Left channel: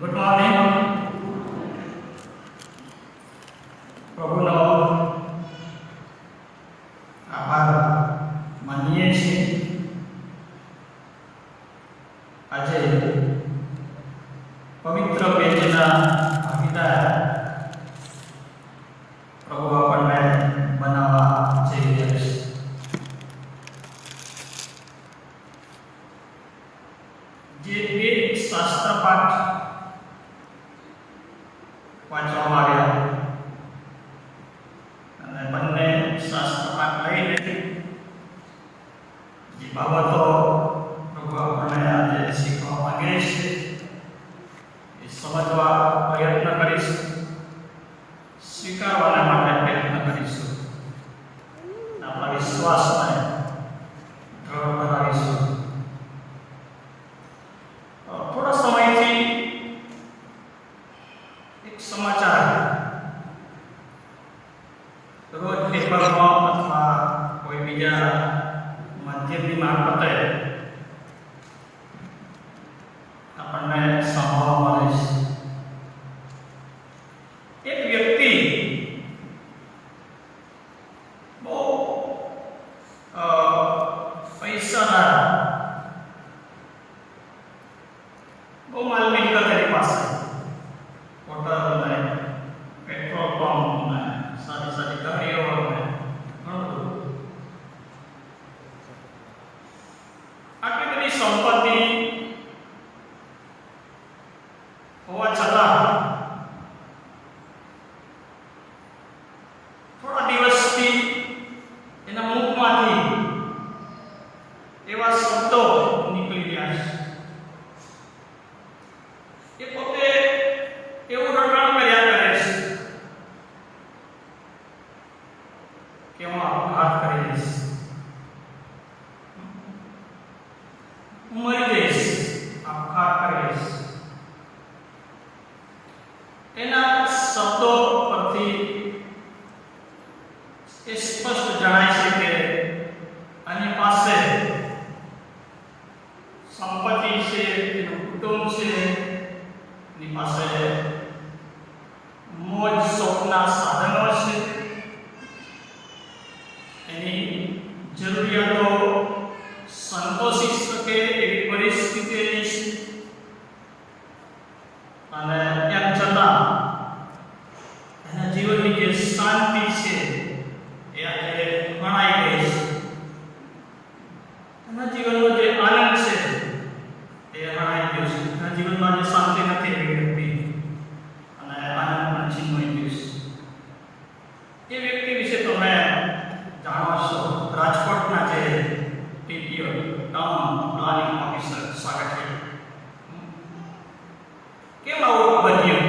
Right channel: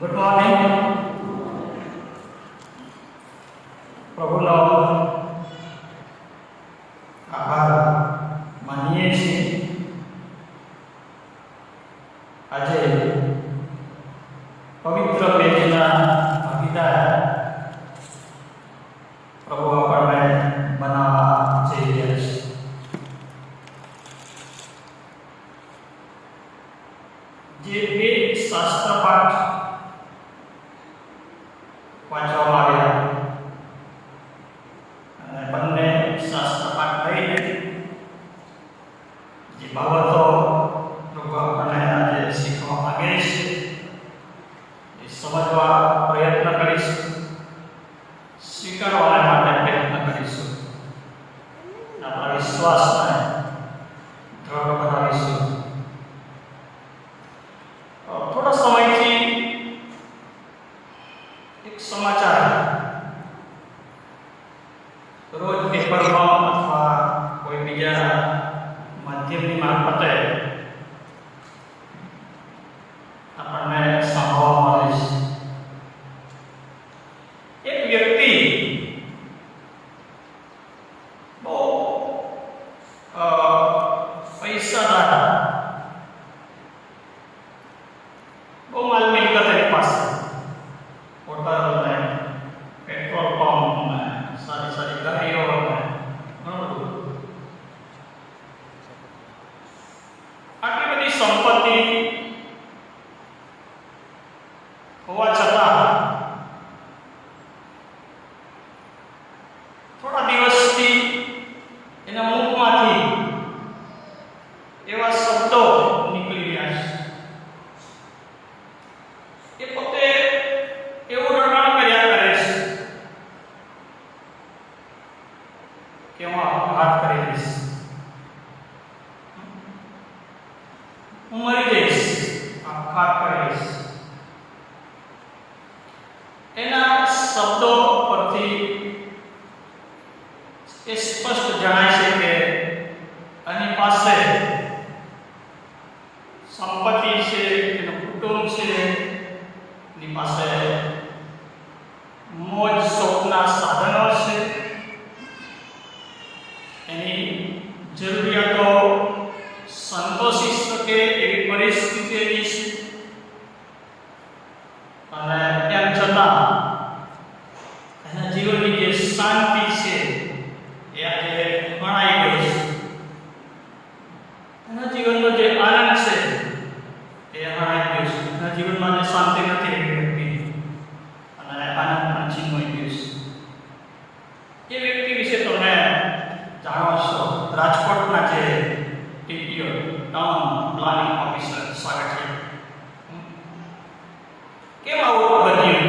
Good morning. પ્રભુનો આભાર માનીએ છીએ. આજે પવિત્ર પેજના ભાગીદાર પ્રભુ આપણને બનાવવા જઈ રહ્યા છે. જે બે શાસ્ત્ર પાઠ વાંચવામાં આવ્યા અને બંને શાસ્ત્ર પાઠ લઈને જે બાબતો પ્રભુ આપણને આજે શીખવા માંગે છે એ સમજવા પ્રયત્ન કરીશું, સ્વીકારવાના માટે પ્રયત્ન કરીશું, આપણા વિશ્વાસને દ્રઢ બનાવીશું. થોડા સમયથી એક સમાચાર રોજ પેપરમાં અથવા કોઈ બીજા માધ્યમની મારફતે આપણને સાંભળવા મળે છે. એક વ્યક્તિ બહુ પૈસાદાર, બહુ માલ મિલકત એની પાસે, હોટલ ને પેટ્રોલ પંપ ને સારી સારી ગાડીઓ ને ઘણું બધું. આટલી બધી સંપત્તિ હોવા છતાં થોડા દિવસથી એના મુખમાંથી એવા શબ્દો નીકળી રહ્યા છે. એ પોતે એવું રટણ કર્યા કરે છે કે હું આપઘાત કરી દઈશ, હું મરી જઈશ, આપઘાત કરી દઈશ. એના શબ્દો પરથી એ સ્પષ્ટ જણાય છે કે આની પાસે સંપત્તિ છે, એનું કુટુંબ છે, એની પાસે મોજ શોખના સાધનો છે, એની જરૂરિયાતો સંતોષી શકે એવી પરિસ્થિતિ એની છે. અને એમ છતાં એના જીવનની જે શાંતિ છે એ આજે હણાઈ ગઈ છે. એના જીવનનો જે આનંદ છે એ હણાઈ ગયો છે. એના જીવનમાં જે શાંતિ નથી એવી વ્યક્તિ અને આનંદ પણ છીનવાઈ ગયો છે. એ વ્યક્તિ વિશે તમે જાણો છો. રાજકોટના જે ટીટીઓ ટાઉન પ્લાનિંગ ઓફિસર સ્વાગત છે. કેમ આવું બન્યું?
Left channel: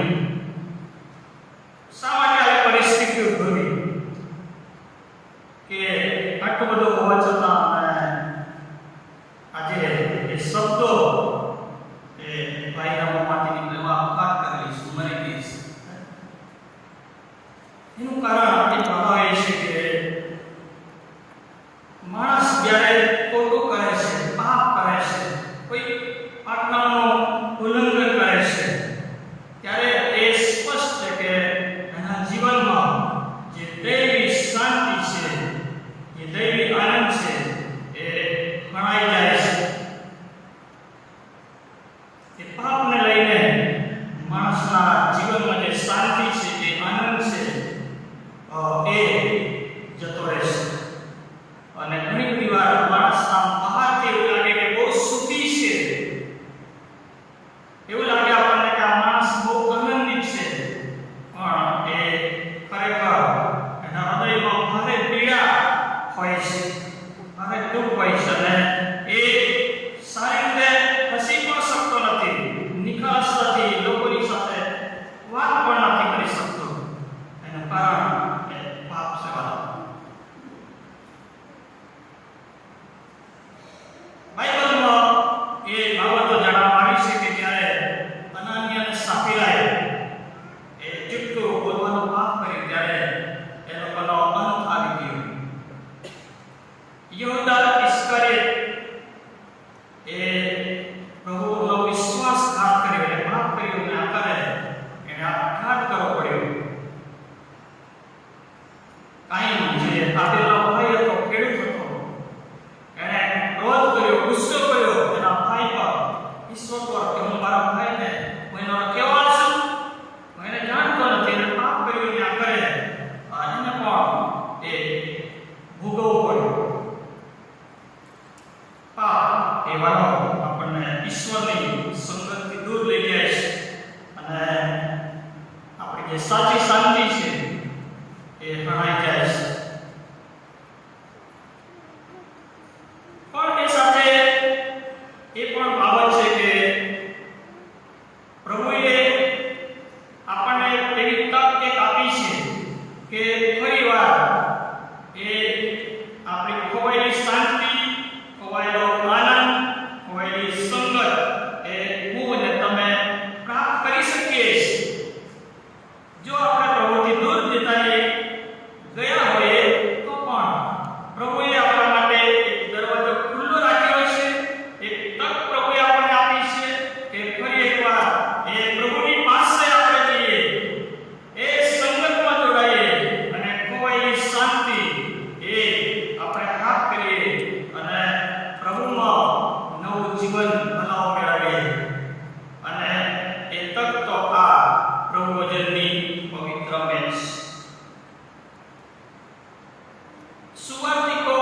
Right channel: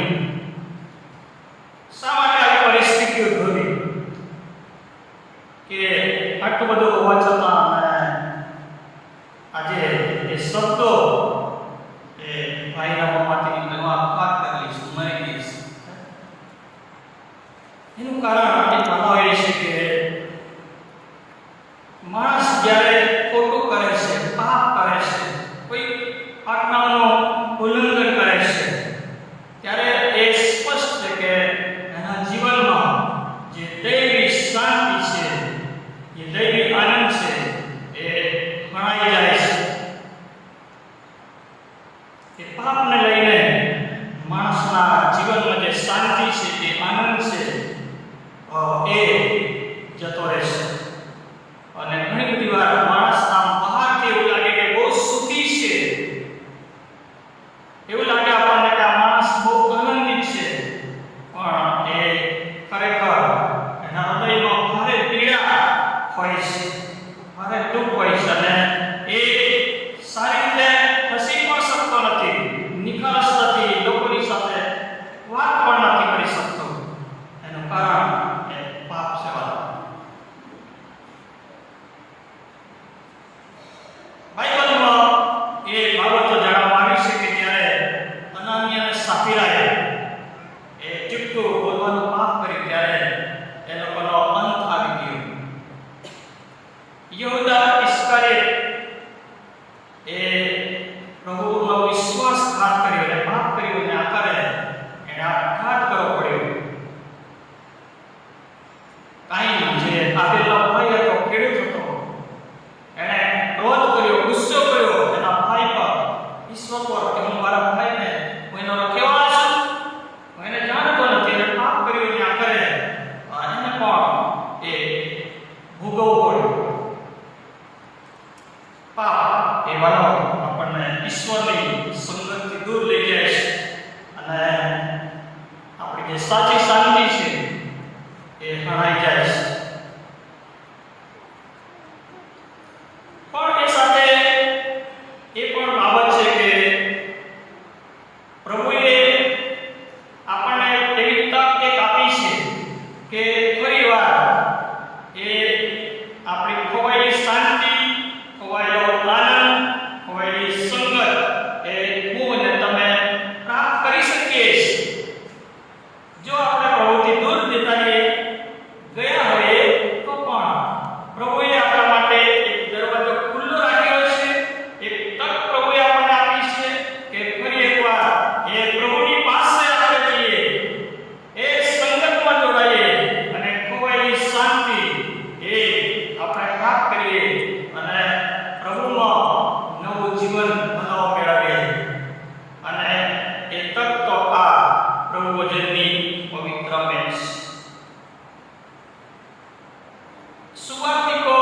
શા માટે આવી પરિસ્થિતિ ઉદ્ભવી કે આટલું બધું હોવા છતાં આજે એ શબ્દો એ ભાઈના મોંમાંથી નીકળવા આપઘાત કરી લઈશ, મરી જઈશ? એનું કારણ એ બતાવે છે કે માણસ જ્યારે ખોટું કરે છે, પાપ કરે છે, કોઈ આજ્ઞાનું ઉલ્લંઘન કરે છે, ત્યારે એ સ્પષ્ટ છે કે એના જીવનમાં જે દૈવી શાંતિ છે, જે દૈવી આનંદ છે એ હણાઈ જાય છે. એ પાપને લઈને માણસના જીવનમાં જે શાંતિ છે, જે આનંદ છે એ જતો રહેશે. અને ઘણી બધી વાર માણસ આમ બહારથી એવું લાગે કે બહુ સુખી છે, એવું લાગે આપણને કે આ માણસ બહુ આનંદિત છે, પણ એ ખરેખર એના હૃદયમાં ભારે પીડા હોય છે, ભારે દુઃખ હોય છે અને એ સારી રીતે હસી પણ શકતો નથી, નિખાલસતાથી લોકોની સાથે વાત પણ નથી કરી શકતો. એનું કારણ એ પાપ સેવા. બાઇબલમાં એ બાબતો જાણવામાં આવી છે કે જ્યારે અનાનિયા અને સાફીરાએ એ જુઠ્ઠું બોલવાનું પાપ કર્યું ત્યારે એ લોકોનો અંત આવી ગયો. યહૂદા ઇસ્કરિયોત એ પ્રભુનો વિશ્વાસઘાત કર્યો અને પાપ કર્યો અને કરનારો કેવો હશે? એને જાણતો નથી અને પાપ કર્યું ત્યાં કરે એને પણ એ ભોગવવું પડે. પાપ એ વાલો આપણને ઈશ્વરની સંગતથી દૂર લઈ જાય છે અને આપણી જે સાચી શાંતિ છે એ હણાઈ જાય છે. પણ એ સાથે એ પણ બાબત છે કે પ્રભુએ આપણને એવી તક એક આપી છે કે ફરીવાર એ આપણી ખોવાયેલી શાંતિ, ખોવાયેલો આનંદ, ખોવાયેલી સંગત એ હું અને તમે પ્રાપ્ત કરી શકીએ છીએ. જો આપણે પ્રભુથી દૂર જતા ગયા હોઈએ તો પણ પ્રભુએ આપણા માટે એક દરવાજો ખુલ્લો રાખ્યો છે, એક તક પ્રભુએ આપણને આપી છે કે ફરી એકવાર એ પ્રભુની પાસે આપણે જઈએ, એ સંગતમાં જોડાઈએ અને ખોવાયેલી શાંતિ એ આપણે પ્રાપ્ત કરીએ અને પ્રભુમાં નવું જીવન નવો મેળવીએ. અને એ તક તો આ પ્રભુ વચનની પવિત્ર મેચ. સુવાર્તિકો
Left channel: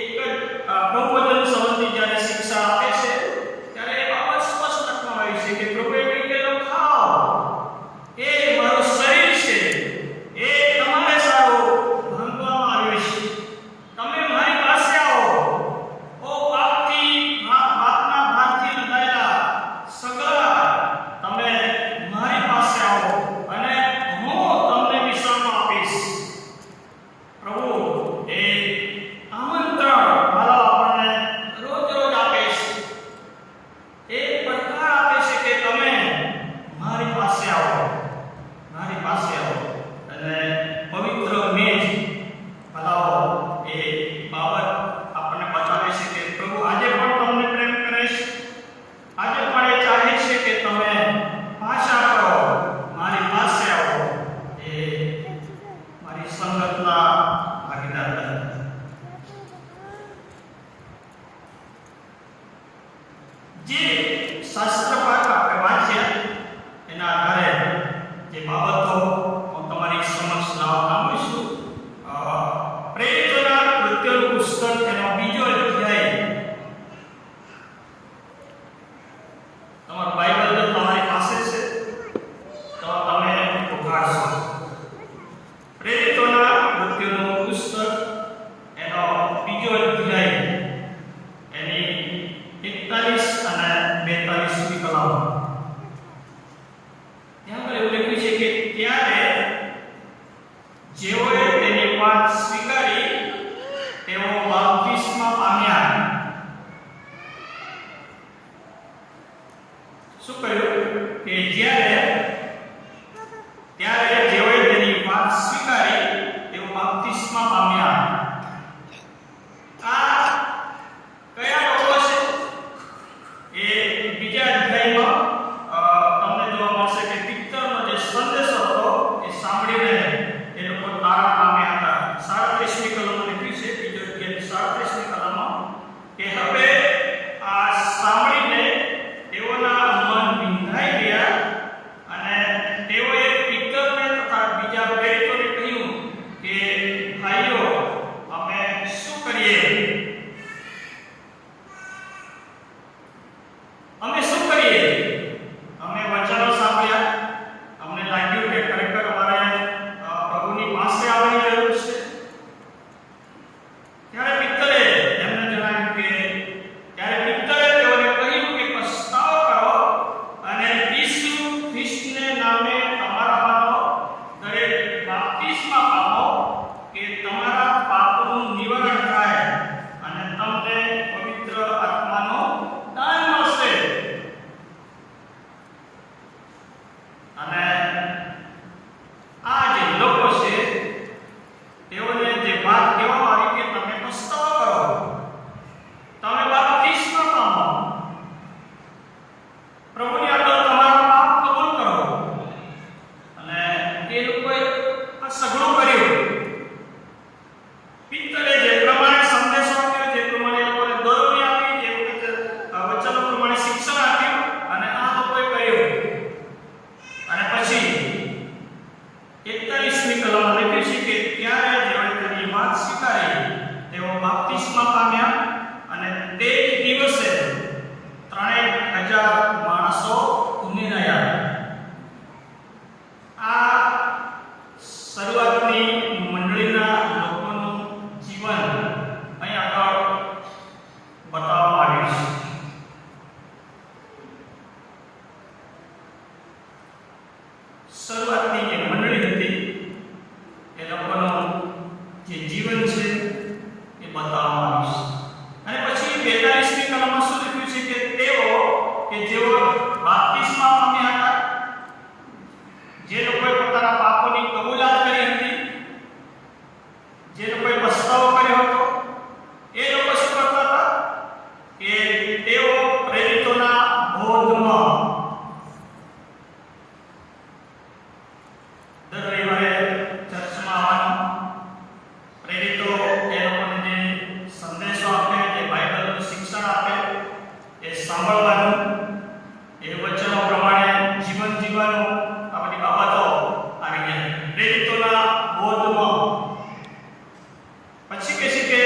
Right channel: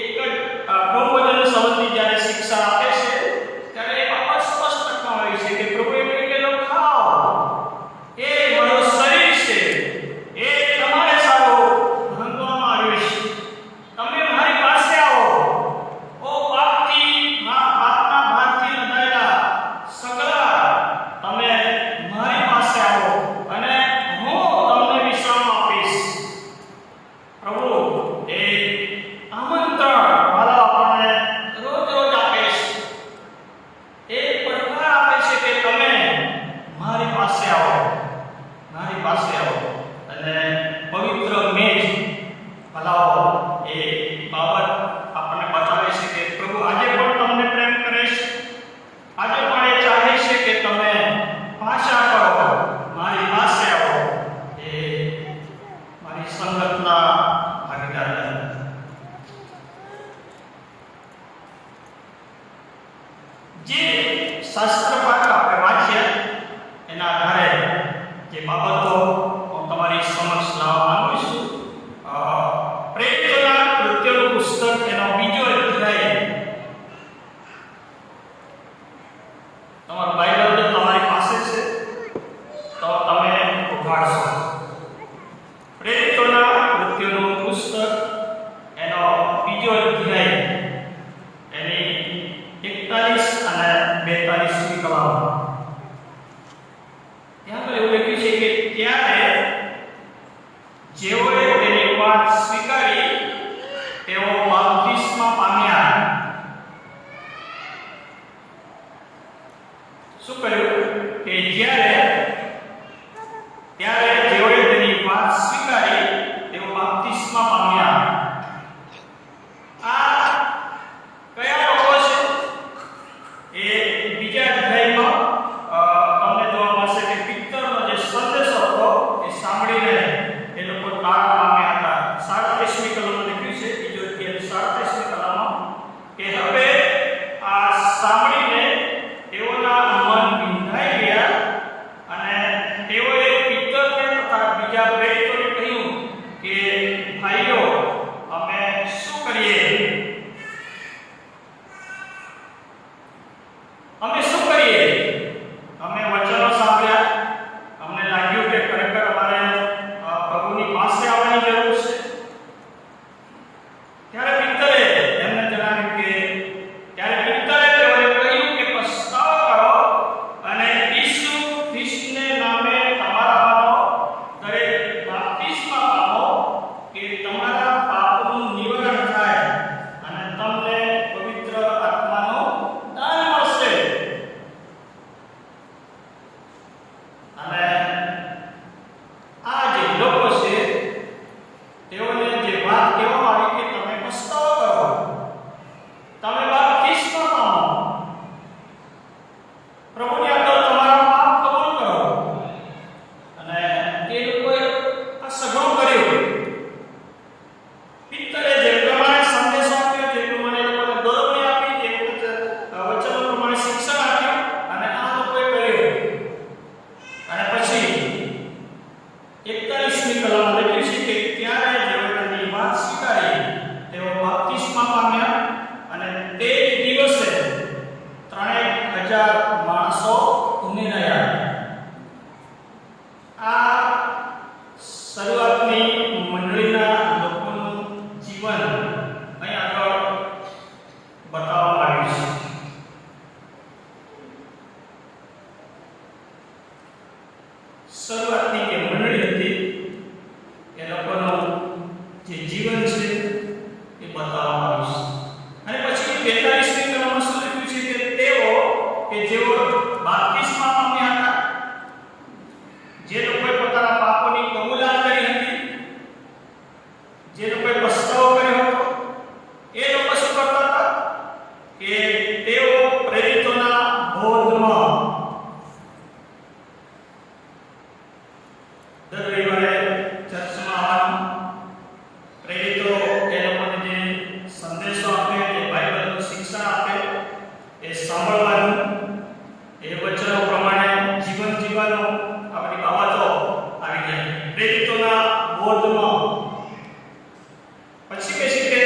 એક જ પ્રભુ વચન સંબંધી જ્યારે શિક્ષા આપે છે ત્યારે એ બાબત સ્પષ્ટ કરવામાં આવી છે કે પ્રભુએ કહ્યું કે લો ખાઓ, એ મારું શરીર છે, એ તમારે સારું ભાંગવામાં આવ્યું છે. તમે મારી પાસે આવો, ઓ પાપના ભારથી લદાયેલા સગળા, તમે મારી પાસે આવો અને હું તમને વિશ્રામ આપીશ. પ્રભુ એ આમંત્રણ વાલા આપણને રોજ રોજ આપે છે, એ પડકાર આપે છે કે તમે મારી પાસે આવો, મારી પાસે આવો. અને પવિત્ર મેજ ભલાઓ એ બાબત આપણને બતાવે છે કે પ્રભુ આજે પણ તમને પ્રેમ કરે છે, આજે પણ એ ચાહે છે કે તમે પાછા કરો, મારી પાસે આવો, એ મારી સંગતના ભાગીદાર બનો. જે શાસ્ત્ર પાઠ આપણે વાંચ્યા એના આધારે જે બાબતો હું તમારી સમક્ષ લાવવા માંગુ છું. પ્રેરિતોના કૃત્યોનું પુસ્તક એનો 2જો અધ્યાય. તમારું બાઇબલ જો તમારી પાસે છે તો તમે ઉઘાડશો. પ્રેરિતોના કૃત્યોનું પુસ્તક એનો 2જો અધ્યાય એની 41 અને 42મી કલમ. ત્યાં પર એવું લખ્યું છે કે ત્યારે જેઓએ તેની વાત સ્વીકારી તેઓ બાપ્તિસ્મા પામ્યા. શું કહ્યું કે ત્યારે જેઓએ તેની વાત સ્વીકારી તેઓ બાપ્તિસ્મા પામ્યા. આ કયા લોકો છે? એ બીજા અધ્યાયમાં તમને જોવા મળશે કે પિત્તરનો જે સંદેશો હતો એ સાંભળીને એ લોકો તારા પામ્યા હતા. 37મી કલમમાં લખ્યું છે, બીજો અધ્યાય 37મી કલમમાં કે હવે આ સાંભળીને તેઓના મન વિંધાઈ ગયા અને તેઓએ પિત્તરને તથા બીજા પ્રેરિતોને કહ્યું કે ભાઈઓ, અમે શું કરીએ? અમે શું કરીએ? અમે વચનો સાંભળ્યા, અમને લાગ્યું કે ખરેખર અમારે પ્રભુની પાસે આવવાની જરૂર છે. ત્યારે પિત્તરે તેઓને કહ્યું કે પસ્તાવો કરો અને ઈસુ ખ્રિસ્તને નામે તમારામાંનો દરેક બાપ્તિસ્મા પામો કે તમારા પાપનું નિવારણ થાય અને તમને પવિત્ર આત્માનું દાન મળશે. અને આ જે લોકો છે તેઓને જે વાત કહેવામાં આવી કે તમે પસ્તાવો કરો, તમે બાપ્તિસ્મા પામો, પ્રભુની આગળ તમારા પાપ કબૂલ કરો. અને એ લોકોએ આ સઘળું કર્યું. પિત્તરે જે પ્રમાણે સંદેશો આપ્યો, જે પ્રમાણે લોકોને દોરવણી આપી, જે વચનો પ્રમાણે શિક્ષણ આપ્યું અને આ લોકોએ કર્યું. 41મી કલમમાં લખ્યું છે કે ત્યારે જેઓએ તેની વાત સ્વીકારી તેઓ બાપ્તિસ્મા પામ્યા અને તે જ દિવસે 3000 માણસો ઉમેરાયા. આ શરૂઆતની મંડળીના લોકોનું જીવન અહીં આગળ બતાવવામાં આવ્યું છે. શરૂઆતની જે મંડળી હતી એ લોકોનું જે જીવન છે એ બતાવવામાં આવ્યું છે. અને પછી 42મી કલમમાં શું લખ્યું છે કે તેઓ કે જેઓ બાપ્તિસ્મા પામ્યા હતા, જે લોકોએ પોતાના પાપોની કબૂલાત કરી હતી, જે લોકોએ પસ્તાવો કર્યો હતો, એ લોકો શું કરતા હતા કે તેઓ પ્રેરિતોના બોધમાં દર રવિવારે ચર્ચમાં આવવાનું, પ્રેરિતો એ લોકોને જે સંદેશો આપે, જે બાઇબલનું શિક્ષણ આપે એ સાંભળવાનું, એ વચનો પ્રમાણે જીવન જીવવાનું, આ બધી બાબતો આવી જાય પ્રેરિતોના બોધમાં. પછી કહે છે કે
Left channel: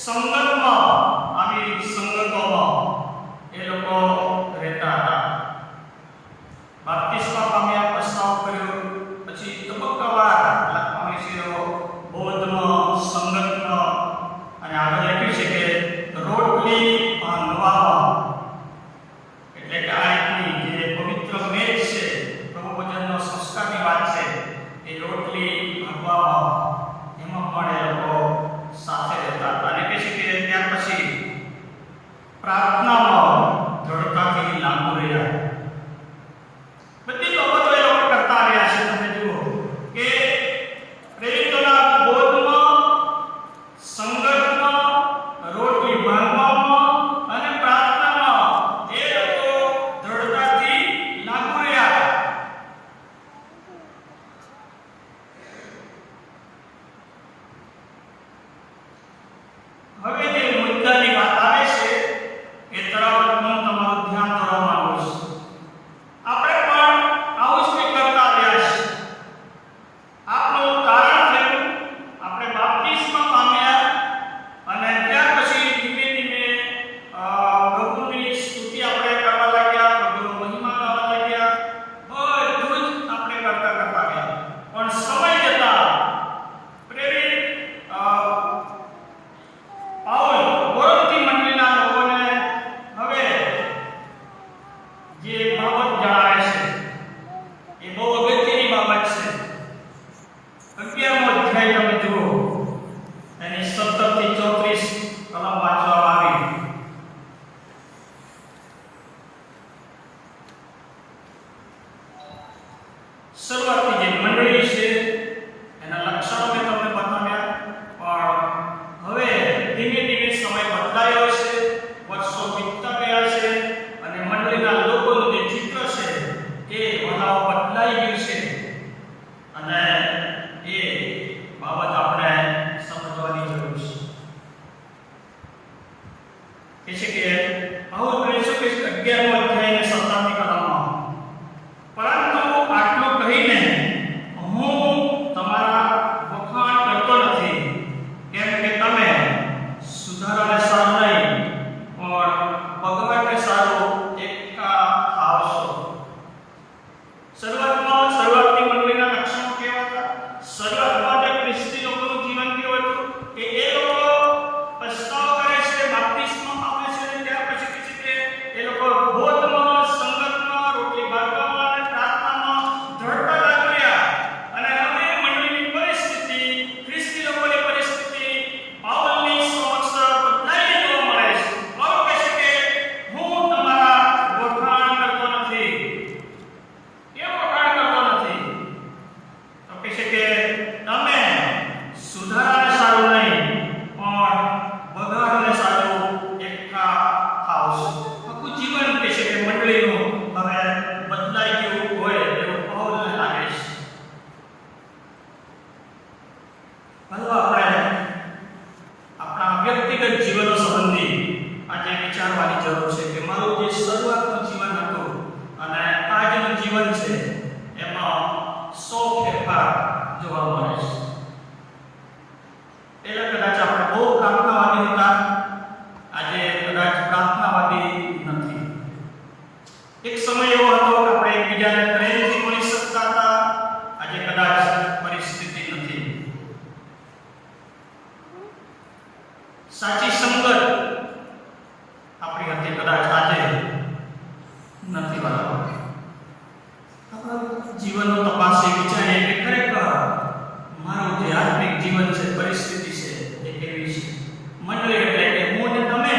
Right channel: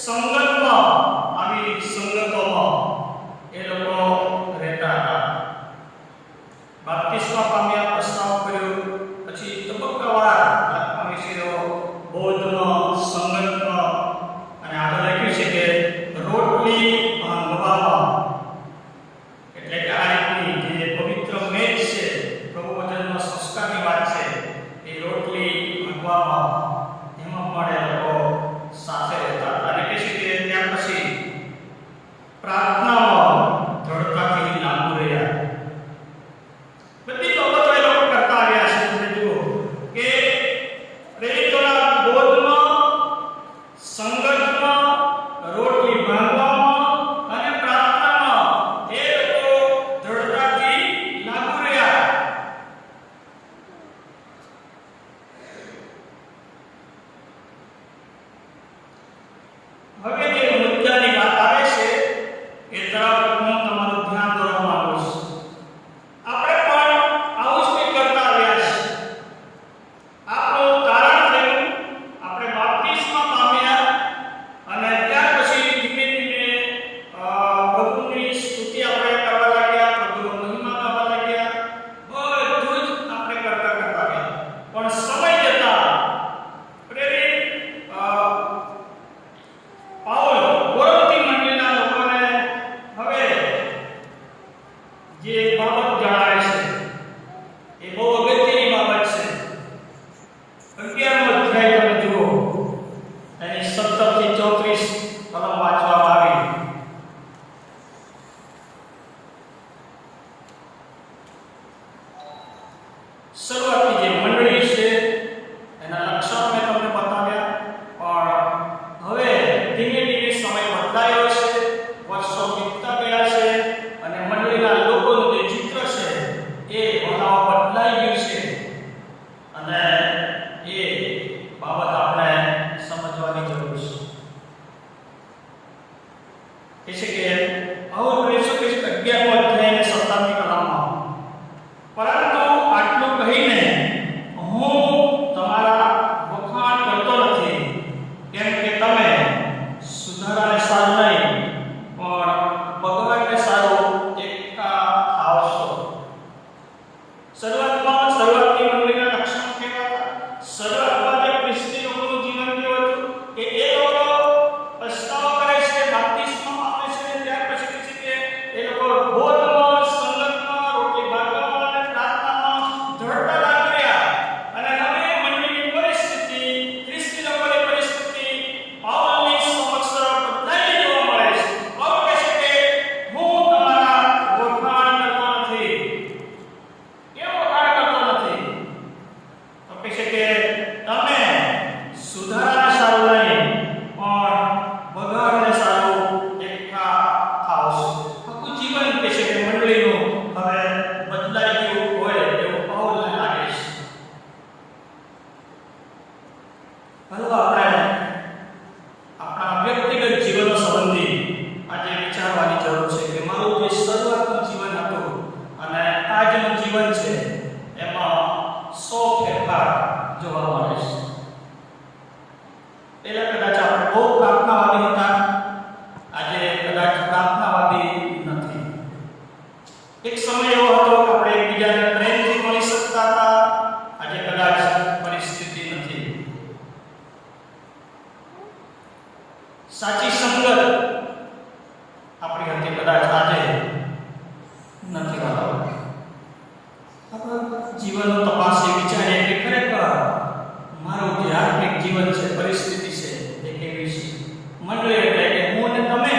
સંગતમાં, આવી સંગતોમાં એ લોકો રહેતા હતા. બાપ્તિસ્મા પામ્યા, પસ્તાવો કર્યો, પછી તબક્કાવાર લખવામાં છે બોધમાં, સંગતમાં, અને આગળ લખ્યું છે કે રોટલી ભાંગવામાં, એટલે કે આ રીતની જે પવિત્ર મેજ છે, પ્રભુ વચનનો સંસ્કારની વાત છે, એ રોટલી ભાંગવામાં એમાં પણ એ લોકો સાથે રહેતા હતા. અને કહે છે કે ત્યાર પછી પ્રાર્થનામાં દ્રઢતાથી લાગુ રહ્યા. બધી બાબતો એ લોકો કરતા આવ્યા છે. તમે જુઓ કે પ્રેરિતોના બોધમાં, સંગતમાં, રોટલી ભાંગવામાં અને પ્રાર્થનામાં એ લોકો દ્રઢતાથી લાગુ રહ્યા. હવે જે મુદ્દાની વાત આવે છે એ તરફ હું તમારું ધ્યાન દોરવા માંગુ છું. આપણે પણ આવું જ કંઈક કરતા આવ્યા છે. આપણું તારણ થયું, આપણે બાપ્તિસ્મા પામ્યા અને ત્યાર પછી ધીમે ધીમે પ્રભુની સ્તુતિ આપણે કરવા લાગ્યા, પ્રભુનો મહિમા ગાવા લાગ્યા, બધું જ આપણે કરતા આવ્યા. પણ સમય જતા પ્રેરિત પાઉલ કોરિન્થી મંડળીના લોકોને હવે જે બાબત જણાવે છે એ બહુ અગત્યની બાબત છે. 11મો અધ્યાય તમે જુઓ, એની 17 થી 34 કલમ વાંચવામાં આવી. શરૂઆતની જે મંડળી છે એના લક્ષણો મેં તમને બતાવ્યા, પણ હવે ધીમે ધીમે સમય બદલાયો છે, વર્ષો વીતતા ગયા છે અને મંડળીના લોકોનું જે ચિત્ર છે એ વળાવ બદલાઈ ગયું છે. અને એ બાબત આપણે સમજવાની જરૂર છે. એ છે કે આવું કહી શકે છે 11મો અધ્યાય અને 17મી કલમમાં, પરંતુ આટલું કહીને હું તમારા વખાણ કરતો નથી, કેમ કે તમે સુધારાને સારું નહીં પણ બગાડને સારું એકઠા થાવ છો. શરૂઆતની મંડળીના લક્ષણો કેવા હતા? શરૂઆતમાં જે ખ્રિસ્તી લોકોનું જીવન કેવું હતું કે એ લોકો પસ્તાવો કરે છે, બાપ્તિસ્મા પામે છે, ત્યાર પછી કહે છે કે એ લોકો બોધમાં, સંગતમાં, રોટલી ભાંગવામાં અને પ્રાર્થનામાં દ્રઢતા લાગુ રહ્યા. અને હવે મંડળીની પરિસ્થિતિ, ખ્રિસ્તી લોકોની પરિસ્થિતિ પાઉલની સમક્ષ બદલાઈને જોવા મળે છે. પાઉલ કહે છે કે હું તમારા વખાણ કરતો નથી. કેમ વખાણ જોવા મળે છે. પહેલા કદાચ આપણે બહુ પ્રાર્થનાવાદી હતા, આજે કદાચ પ્રાર્થનાવાદી નથી. એક સમય એવો હતો કે આપણે એકબીજાને પ્રેમથી મળી શકતા હતા, આજે કદાચ પરિસ્થિતિ નથી. સાચી સંગત આપણી હતી, કદાચ આજે નથી. વાળા આપણા જીવનનો તપાસી વિચારીએ કે ખરેખર મારું જે આત્મિક જીવન છે, પરિસ્થિતિ છે, એ કેવી છે. મંડળી એટલે કે હું અને તમે.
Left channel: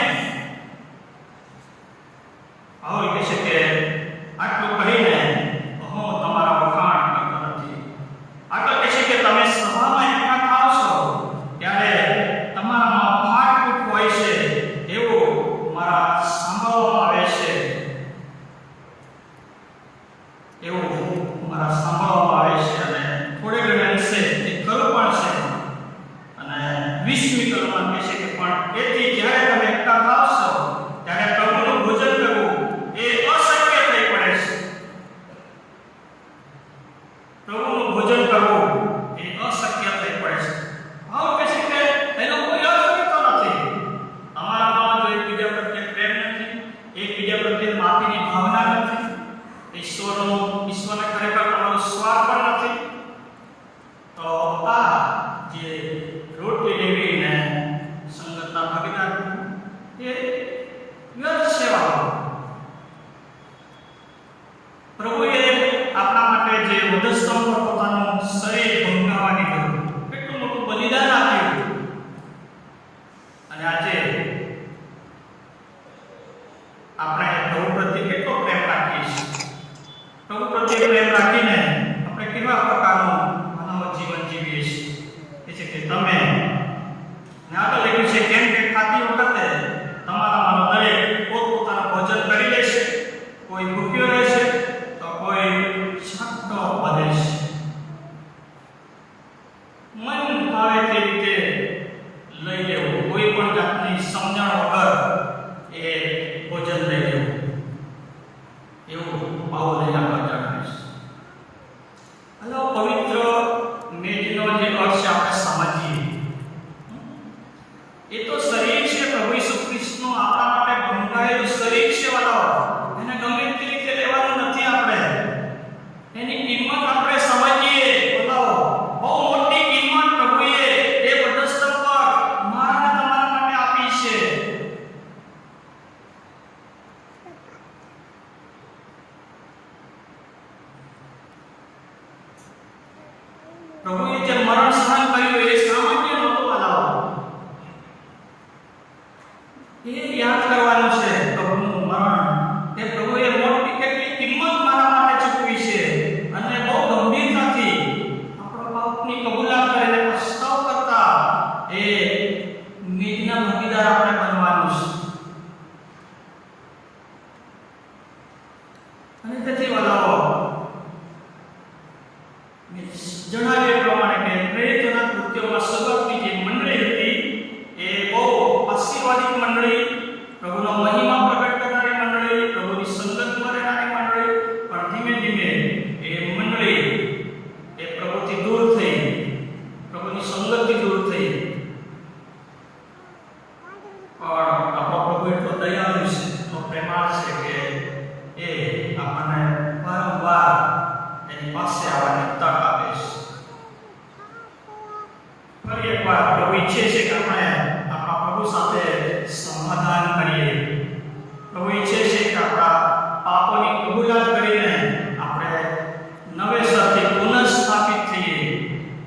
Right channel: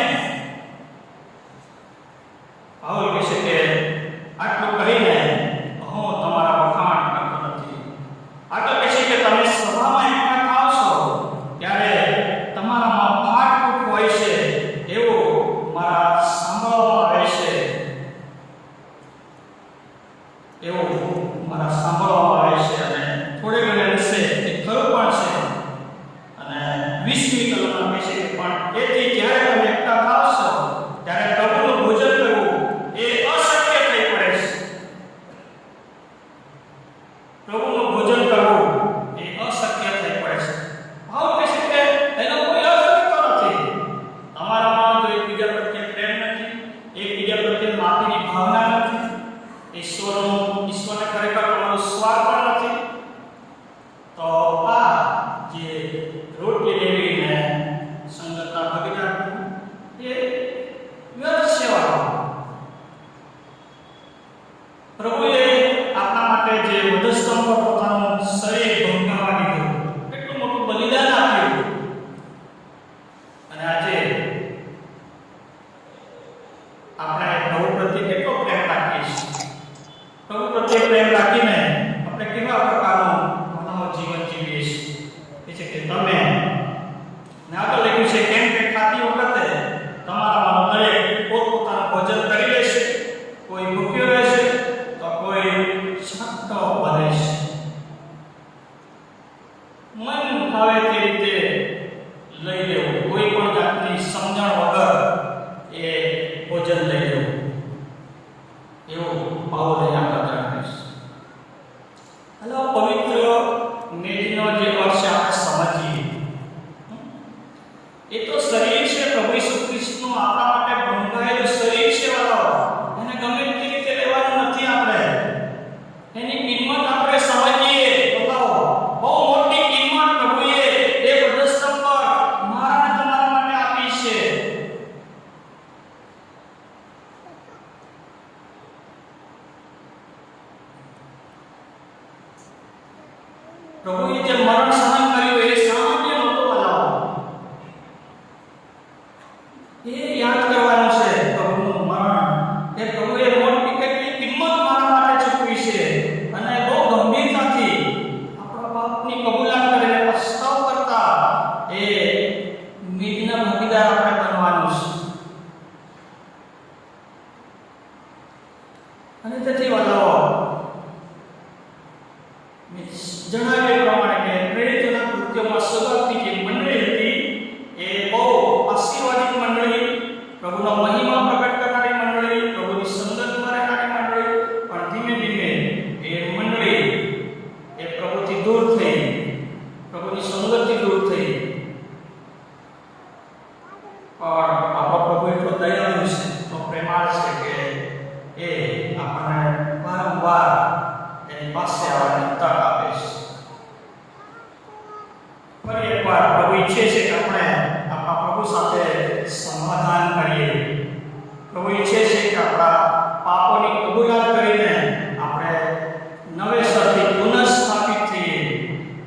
આવું કહે છે કે આટલું કહીને હું તમારા વખાણ કરતો નથી. આગળ કહે છે કે તમે સભામાં એકઠા થાવ છો ત્યારે તમારામાં ફાટફૂટ હોય છે એવું મારા સાંભળવામાં આવે છે, એવું મારા સાંભળવામાં આવે છે. અને થોડે ઘણે અંશે એ ખરું પણ છે. અને 20મી કલમમાં કહે છે કે પણ તેથી જ્યારે તમે એકઠા થાવ છો ત્યારે પ્રભુનું ભોજન કરવું એ અશક્ય થઈ પડે છે. પ્રભુનું ભોજન કરવું એ અશક્ય થઈ પડે છે. ભાવ કહે છે કે એનો કોઈ અર્થ નથી. તમારામાં જો એકબીજા પ્રત્યે પ્રેમ નથી, એકબીજા પ્રત્યે માફીની ભાવના નથી, ઈશ્વરને ખરેખર તમારો સ્વાદ પણ નથી, તો આ જે રોટલી લેવી ને સંગતના ભાગીદાર એ વ્યર્થ સેવા. પ્રભુએ આપણા માટે જે વધસ્તંભ પર પોતાનું શરીર ભંગાવા દીધું, કેટલું મોટું બલિદાન આપ્યું. અને આજે આપણે પ્રભુ પ્રત્યે કેટલો પ્રેમ રાખીએ છીએ. પ્રભુ પ્રત્યે પ્રેમ રાખીને આપણે કેવા પ્રકારનું માનવ જીવન જીવીએ છીએ. એ છે કે તમે ને આગળ લખ્યું છે કેમ કે ખાતી વખતે તમારામાંનો દરેક પોતપોતાનું ભોજન કરી લેશે, કોઈ ભૂખ્યો રહેશે તો કોઈ છઠ્ઠો બને છે. મન ફાવે તે રીતે લઈ લેવું, કોઈ પણ જાતની સમજણ વગર એ ભોજન લઈ લેવું, એવું પાઉલે આગળ જણાવે છે. હલો, પવિત્ર મેજનો જે અર્થ છે આપણે સમજીએ. એ તો શરીર છે, પ્રભુ ઈસુ ખ્રિસ્તનું આપણા માટે બંધાયેલું શરીર છે. વાળાઓ, એને ગમે તે રીતે લેવાનું નથી. આપણે એની કિંમત આપણે સમજીએ. વાળાઓ, બહુ મોટી કિંમત પ્રભુએ એ વધસ્તંભ પર મારા અને તમારા માટે આપી છે. પ્રભુએ જે મરણ સહન કર્યું એ સામાન્ય નહોતું. વાલાઓ, એ યાદ કરવાનું છે. પ્રભુનું મરણ એ પ્રભુએ મોટી કેટલી કિંમત મારા માટે ચૂકવી છે. અને બહુ ગંભીરતાથી આપણા પાપની કબૂલાત કરીને પસ્તાવ કરતા એ મેજના ભાગીદાર આપણે બનવાનું છે. અને તેથી વાલાઓ, જણાવ્યા પ્રમાણે કે પ્રેરિતોના કૃત્યોમાં શરૂઆતની જે મંડળી હતી એ બહુ આશીર્વાદિત મંડળી, પ્રભુનો મહિમા પ્રગટ કરનારી મંડળી, પ્રભુની સંગતમાં રહેનારી મંડળી. પણ ધીમે ધીમે એ મંડળી એ પ્રભુથી દૂર થઈ, પ્રભુની સંગતથી દૂર થઈ. પણ આપણો પ્રભુ એટલો દયાળુ છે, એટલો પ્રેમાળ છે કે એ આપણને વારંવાર એની પાસે આવવાની તક આપે છે. ફરી એકવાર પ્રભુ ઈચ્છે છે કે આપણે આપણા પ્રભુ સાથે સમાધાન કરીએ. પ્રભુ ઈચ્છે છે કે આપણા પાપોની કબૂલાત કરીને આપણે નવેસરથી પુનઃસ્થાપિત થઈએ,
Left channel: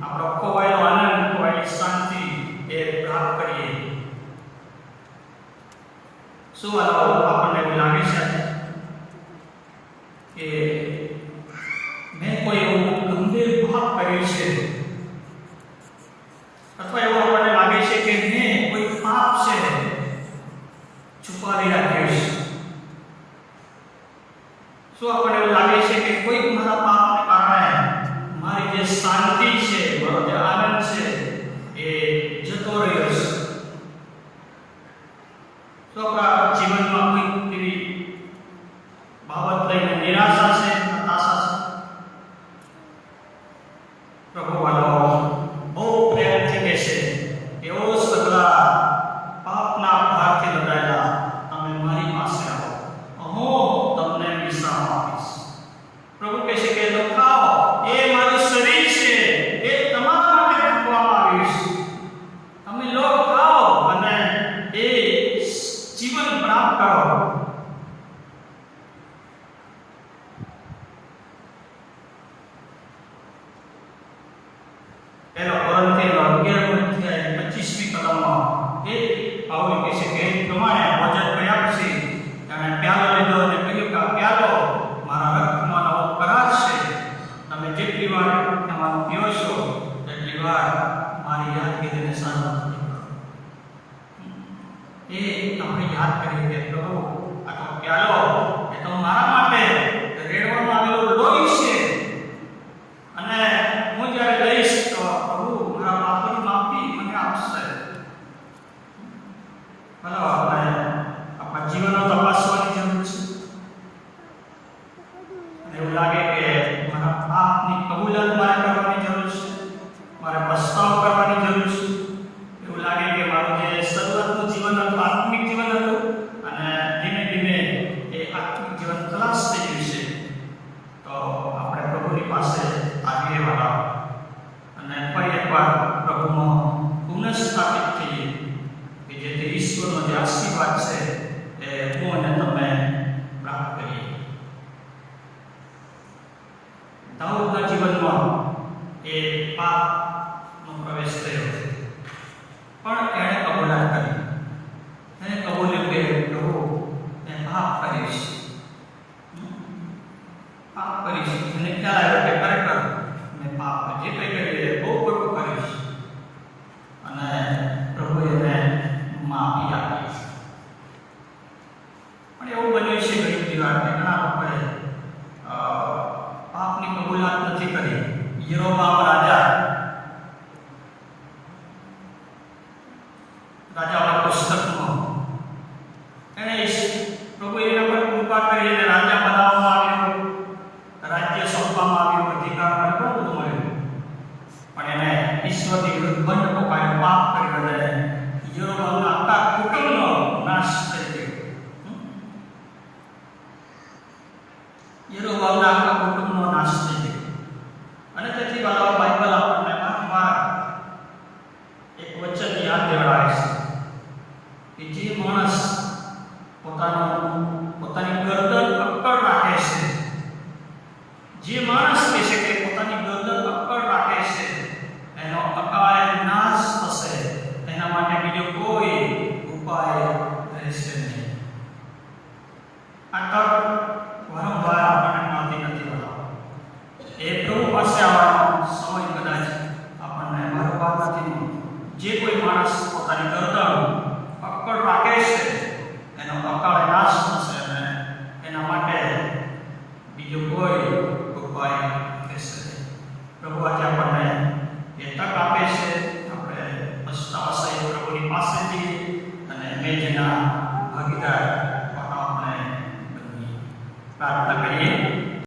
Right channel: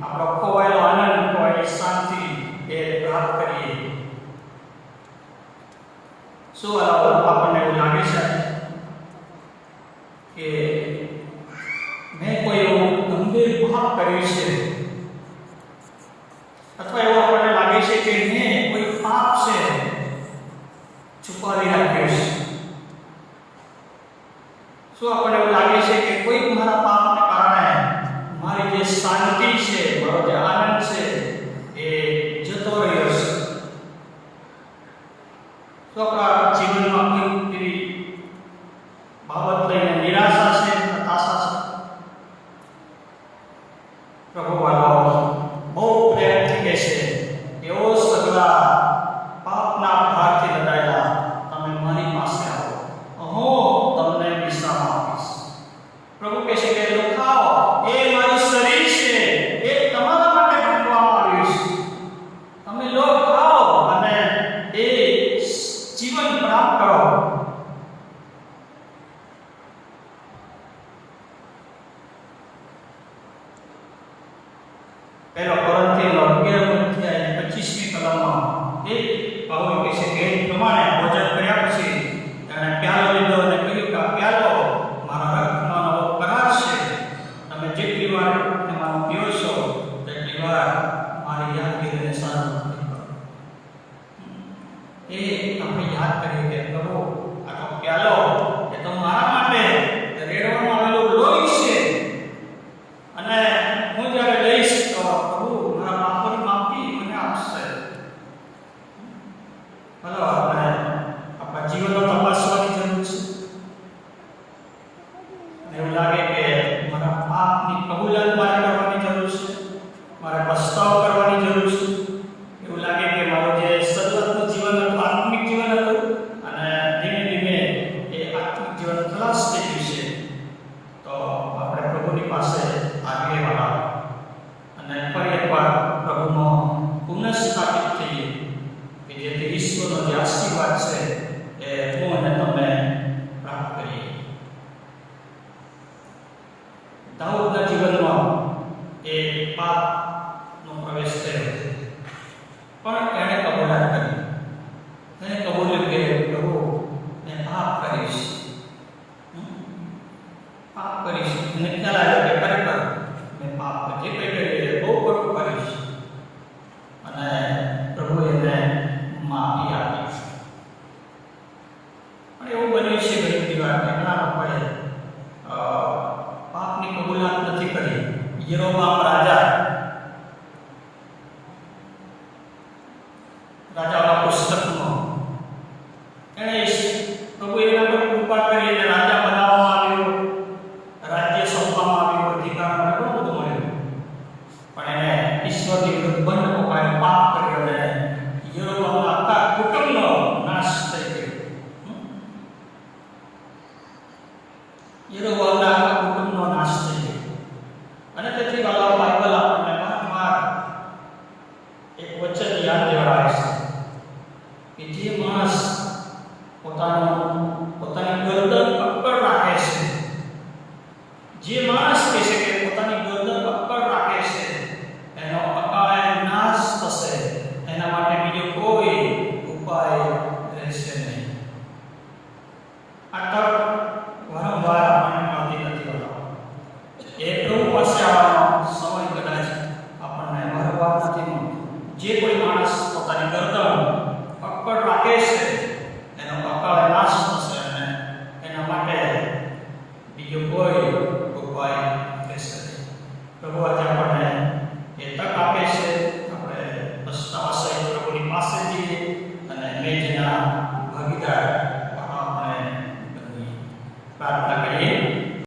આપણો ખોવાયેલો આનંદ, ખોવાયેલી શાંતિ એ પ્રાપ્ત કરીએ. શું આપણને એવું લાગે છે કે મેં કોઈ એવું ગંભીર પાપ કર્યું છે, અથવા એવું આપણને લાગે છે કે મેં કોઈ પાપ છે છુપાવી રાખ્યું છે? શું આપણને એવું લાગે છે કે કોઈ મારા પાપને કારણે મારી જે શાંતિ છે, મારો જે આનંદ છે એ જતો રહ્યો છે? શું આપણા જીવનમાં કોઈ એવી બાબત લઈને નિરાશા છે, હતાશા છે? પ્રભુ વાલો, પહેલો કોરિન્થીનો 11મો અધ્યાય 25મી કલમમાં પાઉલ કહે છે કે એ પ્રમાણે ભોજન કર્યા પછી તેણે પ્યાલો લીધો અને કહ્યું કે આ પ્યાલો મારા રક્તનો નવો કરાર છે. તમે જેટલી વાર એમાંનો પીઓ છો તેટલી વાર મારી યાદગીરીને સ્મરણ કરો. એ આપણે યાદ કરીએ કે પ્રભુ આ તો પ્યાલો એ તો મારા માટે રેડવામાં આવેલો લોહી છે, અને હું જ્યારે લઈશ તો પ્રભુ મારા પાપોની માફી મને આપશે. ભલો આપણે આપણા જીવનનો તપાસવાની જરૂર છે. અને એવું લાગે કે મારા પાપની કબૂલાત મારે કરવાની જરૂર છે, મારે પસ્તાવો કરવાની જરૂર છે. એવું લાગે કે મારું જે શરૂઆતનું જીવન હતું, આત્મિક જીવન હતું, અને ધીમે ધીમે એ આત્મિક જીવન ખલાસ થઈ ગયું છે, તો આપણે પ્રભુની પાસે આવીએ વાળા અને ફરી એકવાર પ્રભુમાં પુનઃસ્થાપિત થઈએ કે જેથી ઈશ્વરનો જે આશીર્વાદ છે એ હું અને તમે પ્રાપ્ત કરીએ. દાઉદના જીવનમાં એ પાપનો પ્રવેશ થયો, પણ એણે કબૂલાત કરી. એને કબૂલ્યું કે પ્રભુ મેં પાપ કરીશ. એને ખ્યાલ આવ્યો કે ખરેખર મેં પાપ જે કંઈ કરી એ બહુ ખોટું કરીશ, અને પ્રભુએ એને માફી આપી. પણ એવું બન્યું છે ઘણી બધી વાર કે ઘણા લોકોએ પાપની કબૂલાત નથી કરી. યરોબામ રાજાઓના પુસ્તકમાં એણે પ્રભુ એના પર કૃપા કરીને રાજા બનાવવામાં આવ્યો, રાજ્ય સોંપવામાં આવ્યું, અધિકાર મળે, ઘણું બધું મળ્યું, પણ એને ઈશ્વરની વિરુદ્ધ બંધ પકડાયું, પાપ કર્યો, અને યરોબામના આખા કુટુંબનો નાશ થઈ ગયો. યરોબામના આખા કુટુંબનો નાશ થઈ ગયો. અને તેથી વાળા બાઇબલ આપણને વારંવાર એક વચન યાદ દેવડાવે છે કે જે માણસ પોતાની ગરદન અક્કડ રાખે છે, જે માણસ કહે છે કે પોતાની ગરદન અક્કડ રાખે છે, એનો અકાળે નાશ થશે, એના માટે બીજો કોઈ ઉપાય રહેશે નહીં. આ તક વારંવાર આપણને મળતી નથી હોતા. એ પ્રભુ પાસે આવવાનો સમય કદાચ આપણને વારંવાર નથી મળતો. જે કોઈ માણસ પોતાની ગરદન અક્કડ રાખે છે એનો અકાળે નાશ થશે, અને એના માટે બીજો કોઈ ઉપાય રહેશે નહીં. પ્રભુ આજે